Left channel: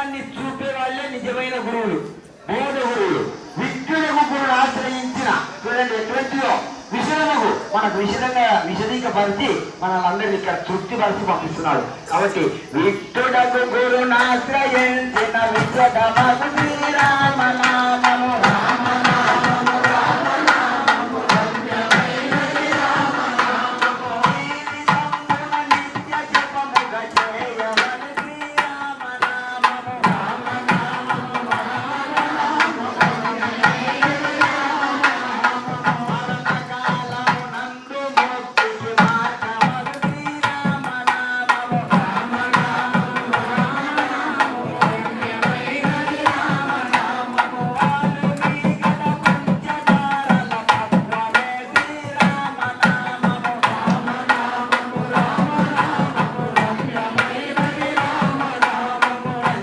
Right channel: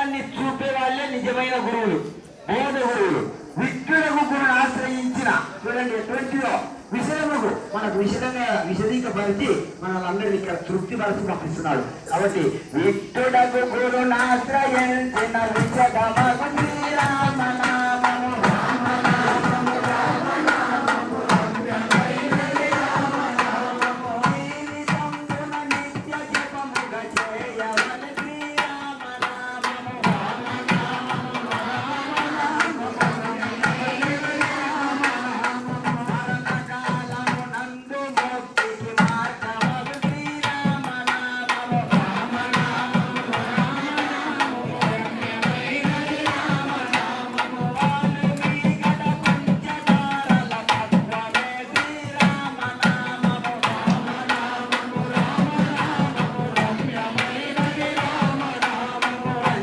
మార్గాన్ని చూపే వాళ్ళే నిజమైన గురువులు, బోధ గురువులు. విష్ణునకు గురువును ఆశ్రయించిన చూడండి ఎటువంటిదో విషయముకు మనకు విశదీకపరిచి మనల్ని అందరినీ ఇక్కడ తృప్తిపరిచి పంపిస్తున్నాడు. కాబట్టి విష్ణునకు గురువును ఆశ్రయించిన